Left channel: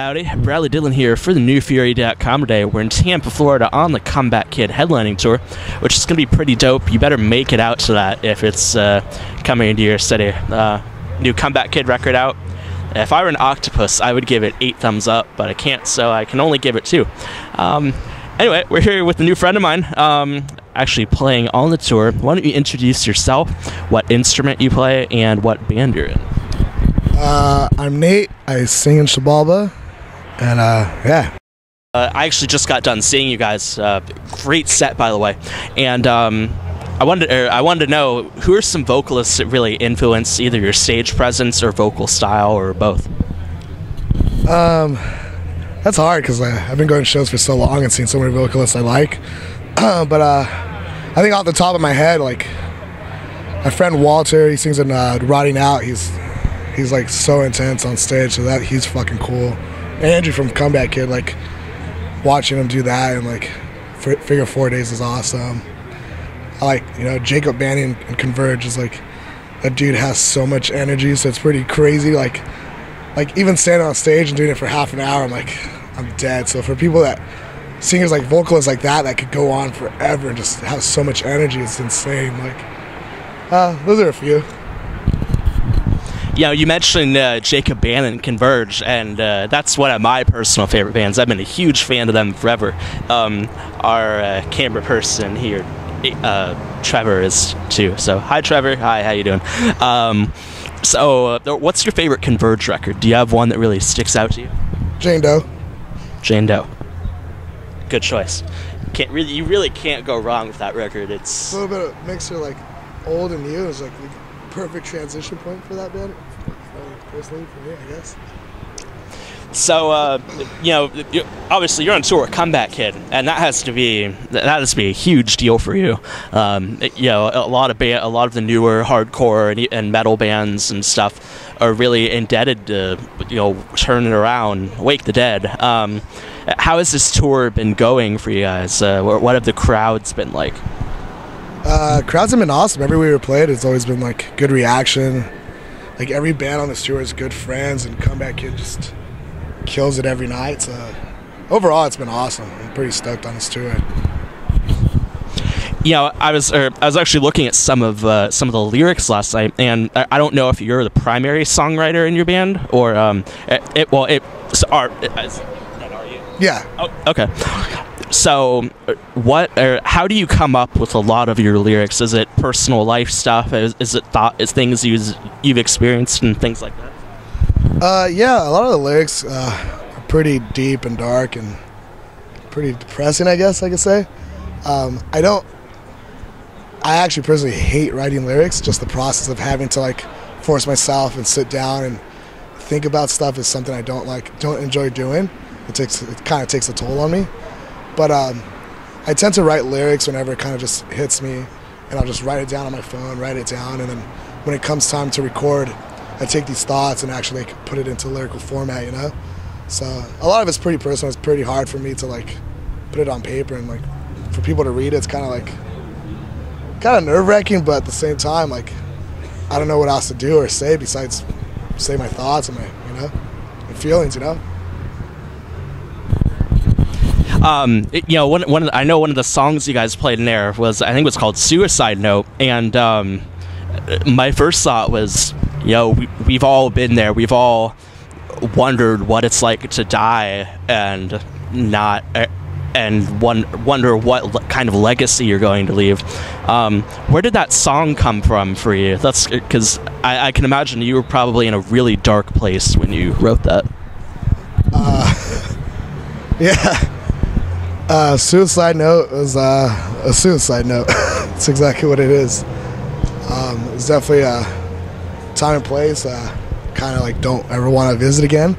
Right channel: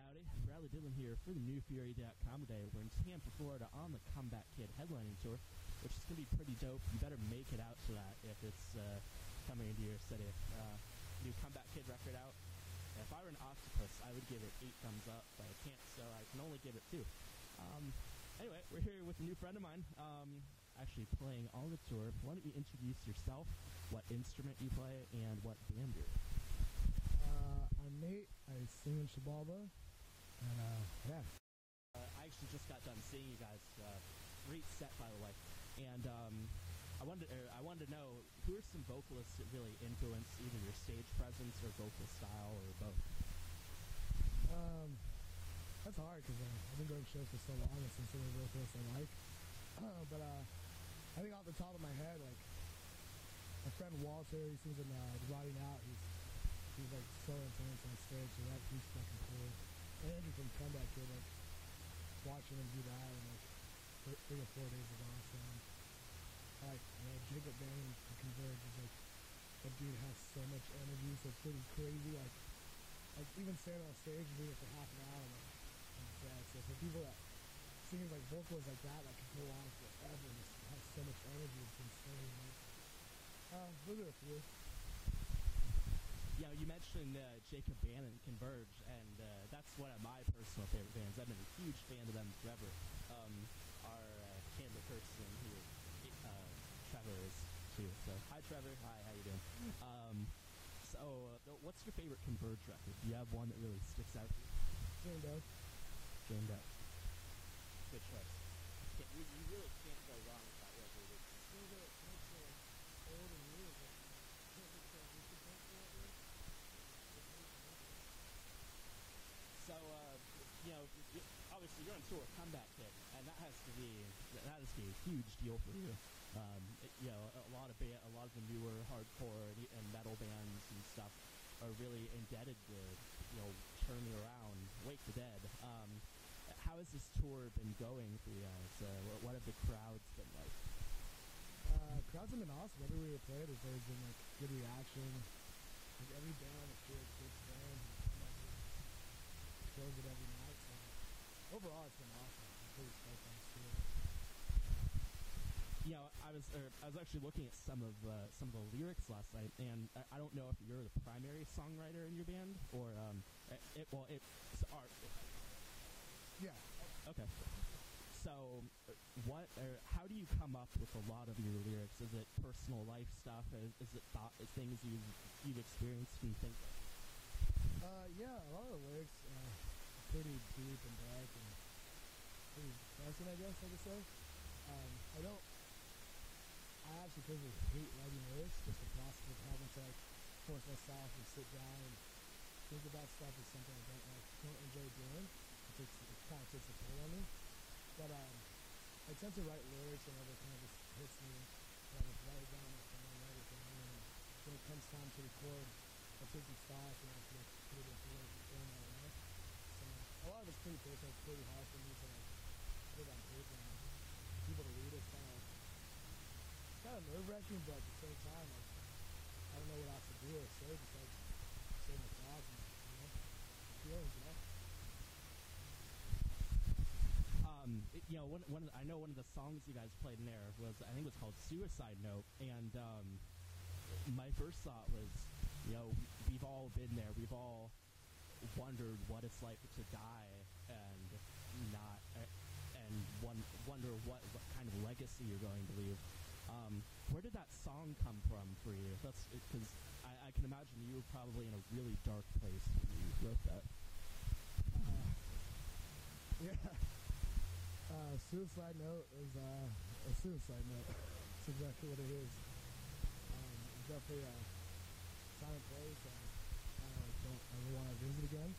Howdy, Bradley Dillon here for the NewFury.com today. We're in Tampa, Florida on the Comeback Kid headlining tour, which is going to be pretty dope. You better make it out to that if it's coming into your city. New Comeback Kid record out. If I were an octopus, I would give it 8 thumbs up, but I can't, so I can only give it 2. Anyway, we're here with a new friend of mine, actually playing on the tour. Why don't you introduce yourself, what instrument you play, and what band you're in? I'm Nate. I sing in Xibalba, and yeah. I actually just got done seeing you guys. Great set, by the way. And I wanted to know, who are some vocalists that really influence either your stage presence or vocal style, or both? That's hard because I've been going to shows for so long and seen so many vocalists I like. But I think off the top of my head, like my friend Walter, he sings in Rotting Out. He's like so intense on stage, so that he's fucking cool. And Andrew from Comeback Kid, like watching him do that and like Figure 4 Days is awesome. I like, Jacob Banning and Converge is like, that dude has so much energy, so it's pretty crazy. Like even standing on stage and doing it for half an hour, I'm dead. So for people that, singers like vocalists like that could go on forever and just have so much energy, it's insane. Those are a few. You mentioned Jacob Bannon and Converge, and that's one of my personal favorite bands. I've been a huge fan of them forever. Our camera person here, Trevor, is too. So hi, Trevor. Hi, how you doing? So what's your favorite Converge record? Do you have one that really sticks out to you? Jane Doe. Jane Doe. Good choice. You really can't go wrong with that record. It's a little bit of mixture, like old and new. It's like the perfect transition point for that band. Personally, for me, I guess. So, obviously you're on tour with Comeback Kid, and that has to be a huge deal for you. A lot of the newer hardcore and metal bands and stuff are really indebted to, Turn It Around, Wake the Dead. How has this tour been going for you guys? What have the crowds been like? Crowds have been awesome. Everywhere we played, it's always been like good reaction. Like every band on this tour is good friends, and Comeback Kid just kills it every night. So overall, it's been awesome. I'm pretty stoked on this tour. I was actually looking at some of the lyrics last night, and I don't know if you're the primary songwriter in your band or Yeah. Oh, okay. So, how do you come up with a lot of your lyrics? Is it personal life stuff? Is it things you've experienced and things like that? Yeah, a lot of the lyrics are pretty deep and dark and pretty depressing, I guess I could say. I actually personally hate writing lyrics. Just the process of having to force myself and sit down and think about stuff is something I don't enjoy doing. It kind of takes a toll on me. But I tend to write lyrics whenever it kind of just hits me, and I'll just write it down on my phone, write it down, and then when it comes time to record, I take these thoughts and actually put it into lyrical format, So a lot of it's pretty personal. It's pretty hard for me to put it on paper, and for people to read it, it's kind of nerve-wracking, but at the same time, I don't know what else to do or say besides say my thoughts and my feelings, I know one of the songs you guys played in there was, I think it was called Suicide Note, and my first thought was, we've all been there. We've all wondered what it's like to die and wonder what kind of legacy you're going to leave. Where did that song come from for you? That's because I can imagine you were probably in a really dark place when you wrote that. Yeah. Suicide Note was a suicide note. That's exactly what it is. It's definitely a time and place kind of don't ever want to visit again.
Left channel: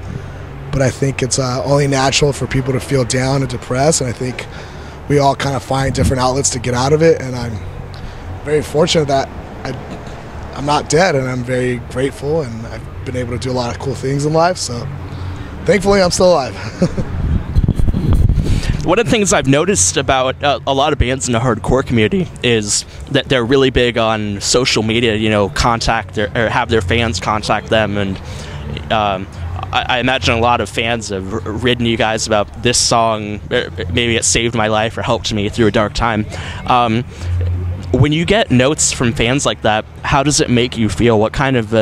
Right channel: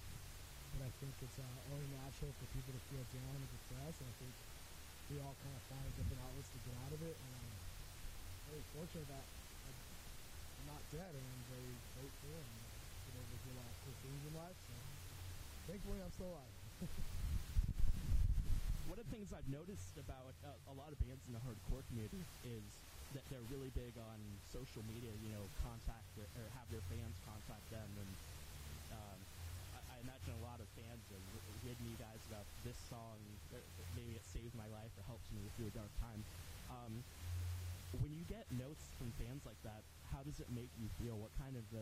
But I think it's only natural for people to feel down and depressed, and I think we all kind of find different outlets to get out of it, and I'm very fortunate that I'm not dead, and I'm very grateful, and I've been able to do a lot of cool things in life, so thankfully I'm still alive. One of the things I've noticed about a lot of bands in the hardcore community is that they're really big on social media, contact or have their fans contact them, and I imagine a lot of fans have written you guys about this song. Maybe it saved my life or helped me through a dark time. When you get notes from fans like that, how does it make you feel? What kind of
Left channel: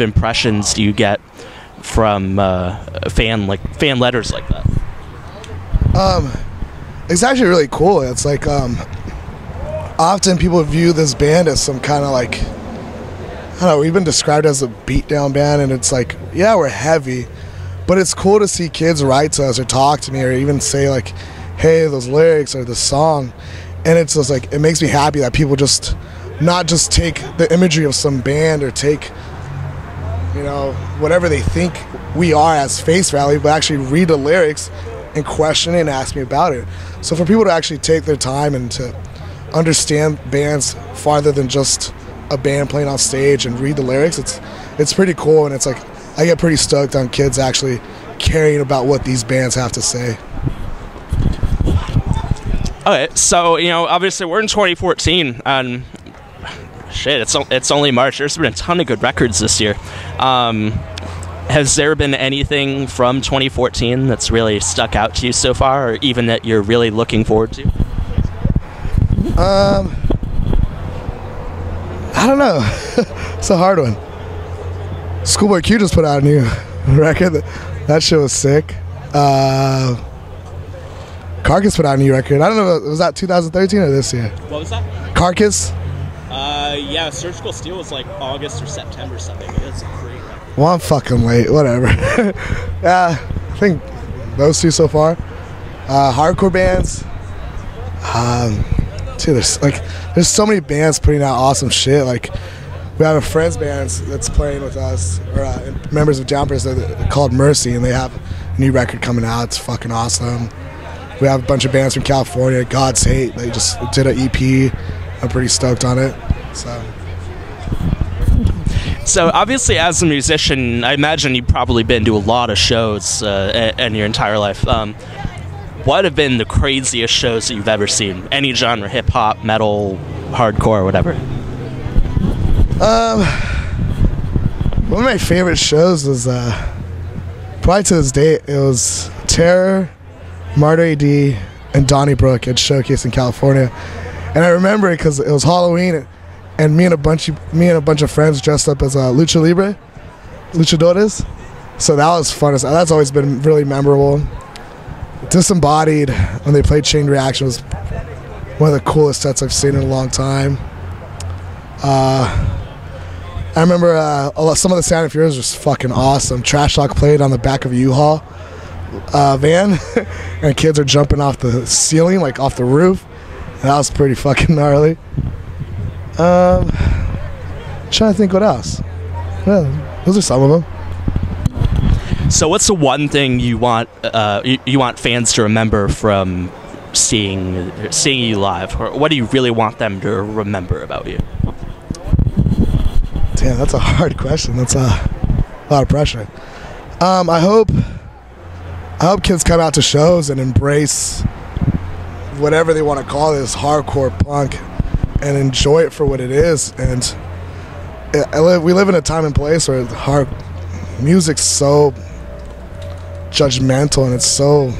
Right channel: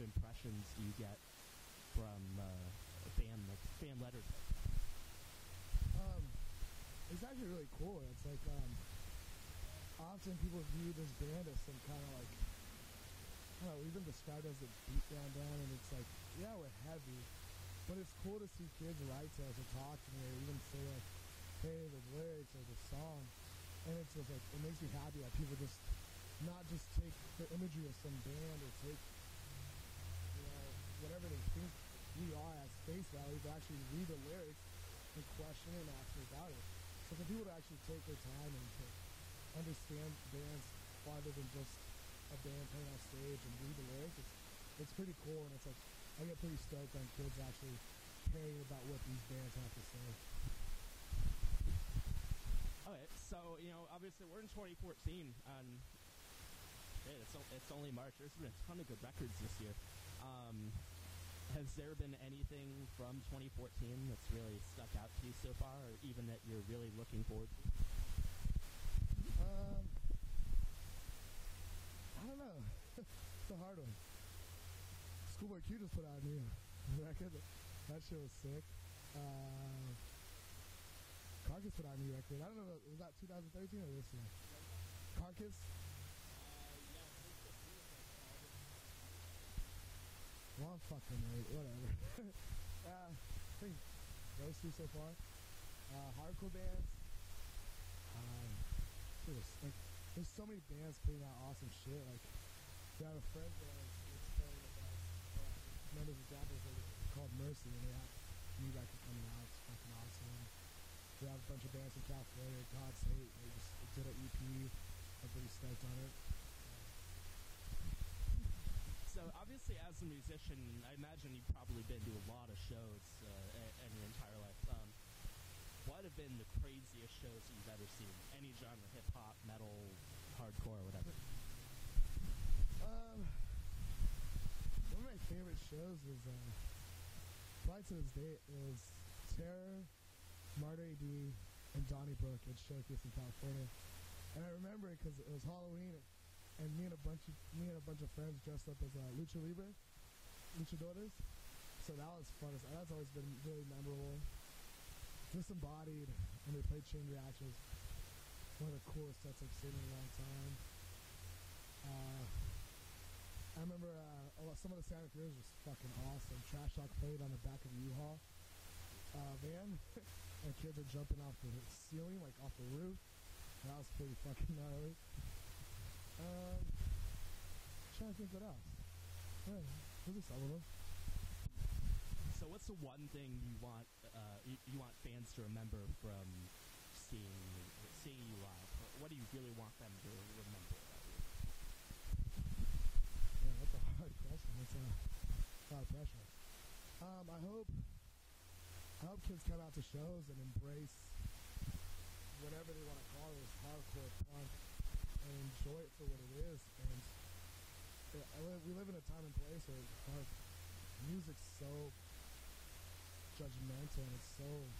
impressions do you get from fan letters like that? It's actually really cool. It's like often people view this band as some kind of like, I don't know, we've been described as a beatdown band, and it's like, yeah, we're heavy, but it's cool to see kids write to us or talk to me or even say like, hey, those lyrics or the song. And it's just like, it makes me happy that people just not just take the imagery of some band or take, you know, whatever they think we are as face value, but actually read the lyrics and question it and ask me about it. So for people to actually take their time and to understand bands farther than just a band playing on stage and read the lyrics, it's pretty cool. And it's like, I get pretty stoked on kids actually caring about what these bands have to say. Okay, so, you know, obviously we're in 2014, and shit, it's only March. There's been a ton of good records this year. Has there been anything from 2014 that's really stuck out to you so far, or even that you're really looking forward to? I don't know. It's a hard one. Schoolboy Q just put out a new record. That shit was sick. Carcass put out a new record. I don't know, was that 2013 or this year? What was that? Carcass? Yeah, Surgical Steel was like August or September something. It's a great record. Well, I'm fucking late, whatever. Yeah, I think those two so far. Hardcore bands. Dude, there's so many bands putting out awesome shit. Like, we have a friends band that's playing with us, or members of Jumpers called Mercy, and they have a new record coming out. It's fucking awesome. We have a bunch of bands from California. God's Hate, they just did an EP. I'm pretty stoked on it. So obviously, as a musician, I imagine you've probably been to a lot of shows in your entire life. What have been the craziest shows that you've ever seen? Any genre, hip hop, metal, hardcore, whatever. One of my favorite shows was probably to this day. It was Terror, Martyr AD, and Donnybrook at Showcase in California, and I remember it because it was Halloween, and me and a bunch of friends dressed up as luchadores. So that was fun. That's always been really memorable. Disembodied, when they played Chain Reaction, was one of the coolest sets I've seen in a long time. I remember some of the Sound and Fury was just fucking awesome. Trash Talk played on the back of a U-Haul van, and kids are jumping off the ceiling, like off the roof. And that was pretty fucking gnarly. Trying to think what else. Yeah, those are some of them. So what's the one thing you want fans to remember from seeing you live? Or what do you really want them to remember about you? Damn, that's a hard question. That's a lot of pressure. I hope kids come out to shows and embrace whatever they want to call this hardcore punk and enjoy it for what it is. And we live in a time and place where hard music's so judgmental, and it's so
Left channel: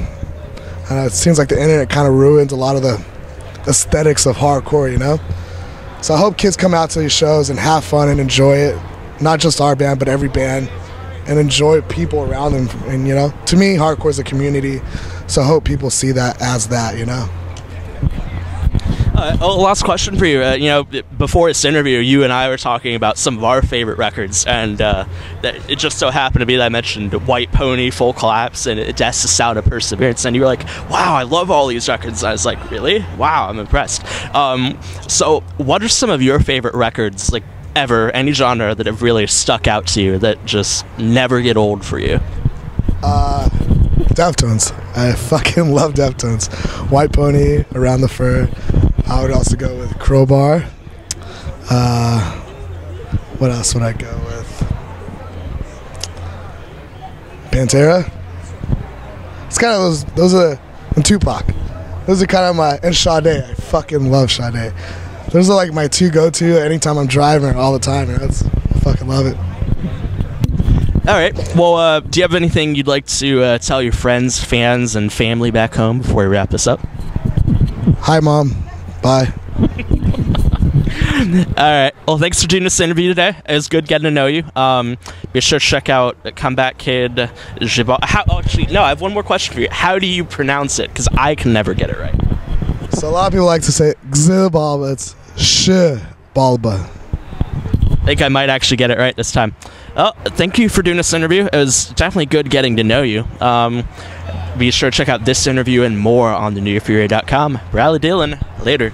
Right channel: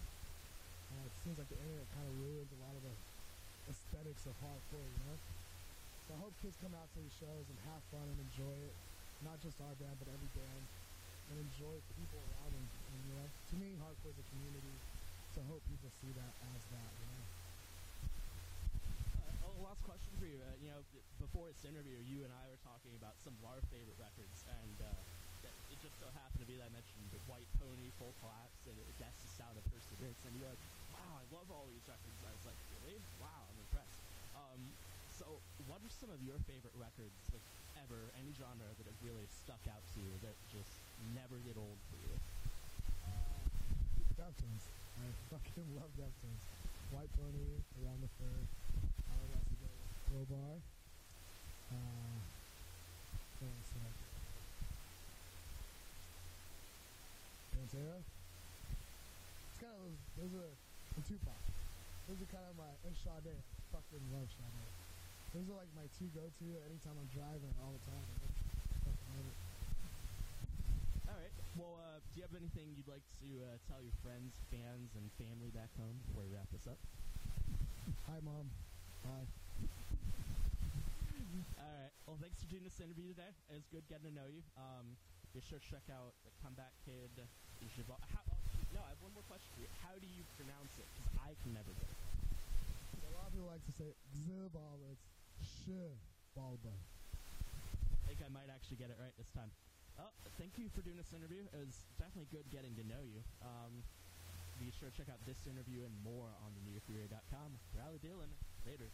it seems like the internet kind of ruins a lot of the aesthetics of hardcore, you know? So I hope kids come out to these shows and have fun and enjoy it, not just our band, but every band, and enjoy people around them. And, you know, to me, hardcore is a community, so I hope people see that as that, you know? Last question for you. You know, before this interview, you and I were talking about some of our favorite records, and that it just so happened to be that I mentioned White Pony, Full Collapse, and Death's the Sound of Perseverance, and you were like, wow, I love all these records. I was like, really? Wow, I'm impressed. So what are some of your favorite records, like ever, any genre, that have really stuck out to you, that just never get old for you? Deftones. I fucking love Deftones. White Pony, Around the Fur. I would also go with Crowbar. What else would I go with? Pantera. It's kind of those are, and Tupac. Those are kind of my, and Sade. I fucking love Sade. Those are like my two go-to anytime I'm driving all the time. I fucking love it. All right. Well, do you have anything you'd like to tell your friends, fans, and family back home before we wrap this up? Hi, Mom. Bye. All right. Well, thanks for doing this interview today. It was good getting to know you. Be sure to check out Comeback Kid Xibalba. Actually, no, I have one more question for you. How do you pronounce it? Because I can never get it right. So a lot of people like to say Xibalba. It's Xibalba. I think I might actually get it right this time. Oh, thank you for doing this interview. It was definitely good getting to know you. Be sure to check out this interview and more on thenewfury.com. Riley Dillon, later.